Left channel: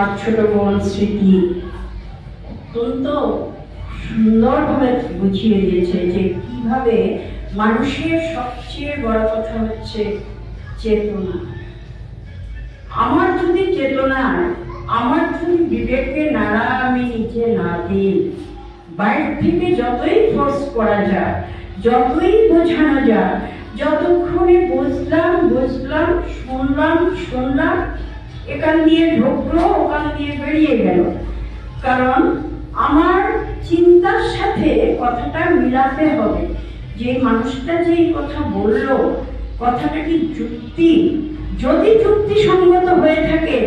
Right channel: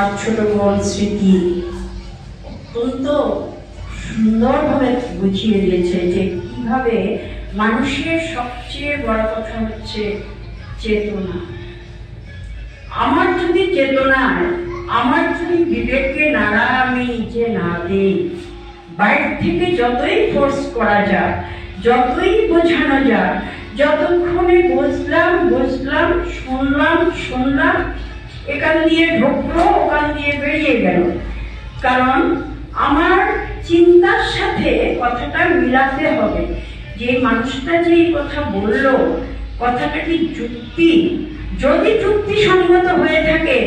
আমার ছোট বোন স্মৃতি অত্যন্ত সুন্দরভাবে বুঝিয়ে দিয়েছে যে কিভাবে মানুষের সবচেয়ে বড় কথা হচ্ছে চেতনা। আমার যদি চেতনায়, আমার যদি বিবেককে নাড়া আমি নিজে না দিই, বাইরে থেকে যতই ফোর্স করা যায়, যতই বোঝানো যায়, যতক্ষণে বুঝলাম শুনলাম, এখান দিয়ে ঢুকলো ওখান দিয়ে বেরিয়ে গেল। কারণ আমার চিন্তার সাথে কথাটা মিলাতে হবে, যে মানুষটা যে এই কথা বললো কথাটা কি যুক্তি, যদি যুক্তিসঙ্গত হয়ে থাকে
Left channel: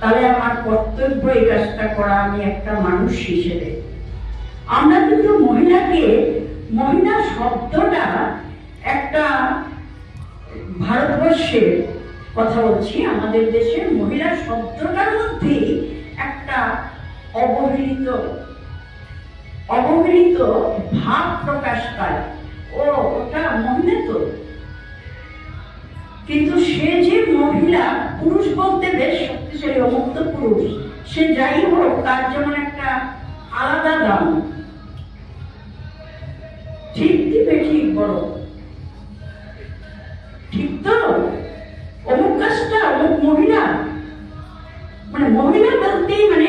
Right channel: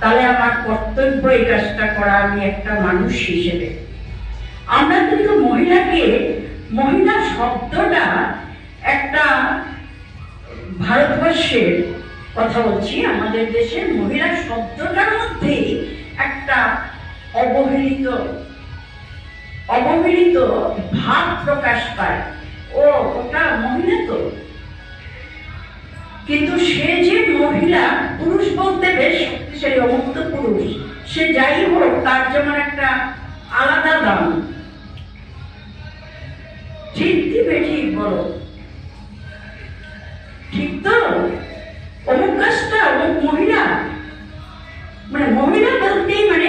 তাহলে আমার কর্তব্য এই কাজটা করা, আমি একটা মানুষ হিসেবে। আমরা কিন্তু মহিলা শব্দটা একটা ভারতবর্ষের কথা বলছি, আমাদের দেশের মহিলা শব্দটার মধ্যেই একটা অবহেলিত ভাব প্রকাশ পায়। ওটা মহিলা তো, কিন্তু সে যে মহিলা, পুরুষ বলতে বেশ শক্তিশালী অমুক্ত পুরুষ, সে যাই হোক তার যেমন একটা আলাদা দাম। ঠিক দিবে, ঠিক বড়, ঠিক তো? অমুক কাজটা অমুক মহিলা, মানে মহিলা বলতেই মানে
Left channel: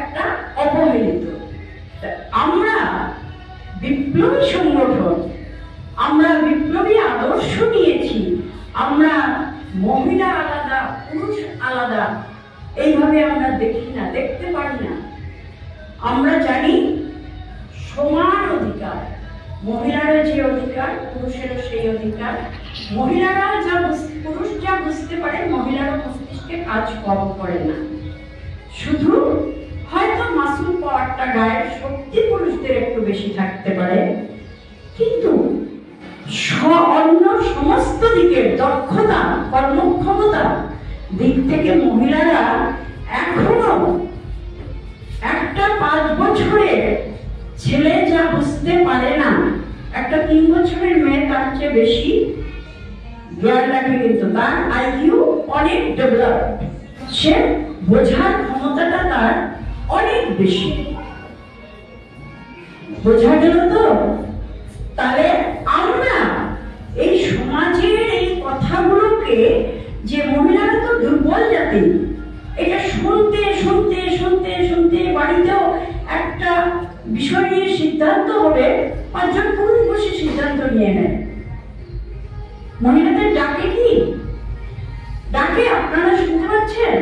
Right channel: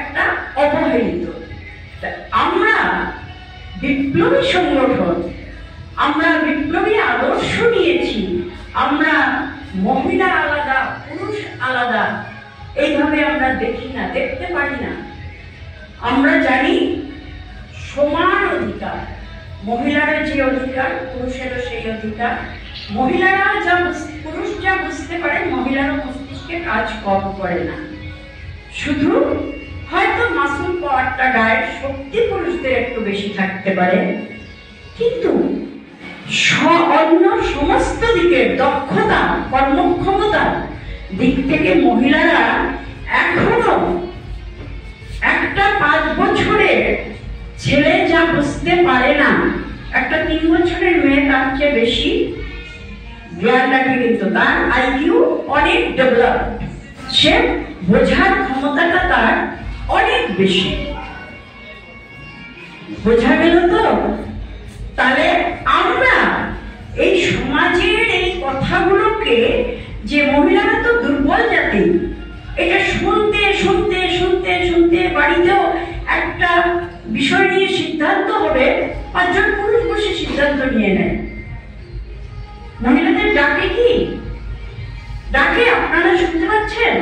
একটা অবহেলিত। আমরা বিপ্লবী সংগঠন, আমরা বিপ্লবী আদর্শ নিয়েছি, আমরা মহিলা আলাদা পুরুষ আলাদা এইভাবে আমরা দেখি না, দেখতে পারি না। আমরা জানি সমান অধিকার, মহিলার যে অধিকার পুরুষেরও সেই অধিকার। মহিলারা পুরুষ যা বুঝতে পারে, মহিলারও মস্তিষ্কে কাজ কম করে না। শুধু হয়তো মাসুল পাওয়ারটা গায়ের শক্তি পুরুষদের একটু বেশি থাকতে পারে, কিন্তু অন্য সমস্ত দিকের দক্ষতা, কর্মক্ষমতা দিক থেকে মহিলারা এখনো একটা 5 বছরের ছেলে যা বুঝতে পারে না, একটা 3 বছরের মেয়ে তার চেয়ে বেশি জ্ঞান রাখে, কিন্তু তার আইকিউ অনেক ডেভেলপ, সে বোঝার ক্ষমতাটা তার অনেক বেশি। বোঝা গেল তো? তাহলে আমরা এই সমাজের এই কথাগুলোকে, যে মহিলারা তো দুর্বল জাতি, এটা শুনতে শুনতে শুনতে শুনতে বাড়িতেও একটা বিষয় নিয়ে সিদ্ধান্ত হবে, 5 জন পুরুষ বসে সিদ্ধান্ত নিয়ে নেয়। মহিলাদের ডাকে কি? ডাকে আপনারা শুনতে পাচ্ছেন?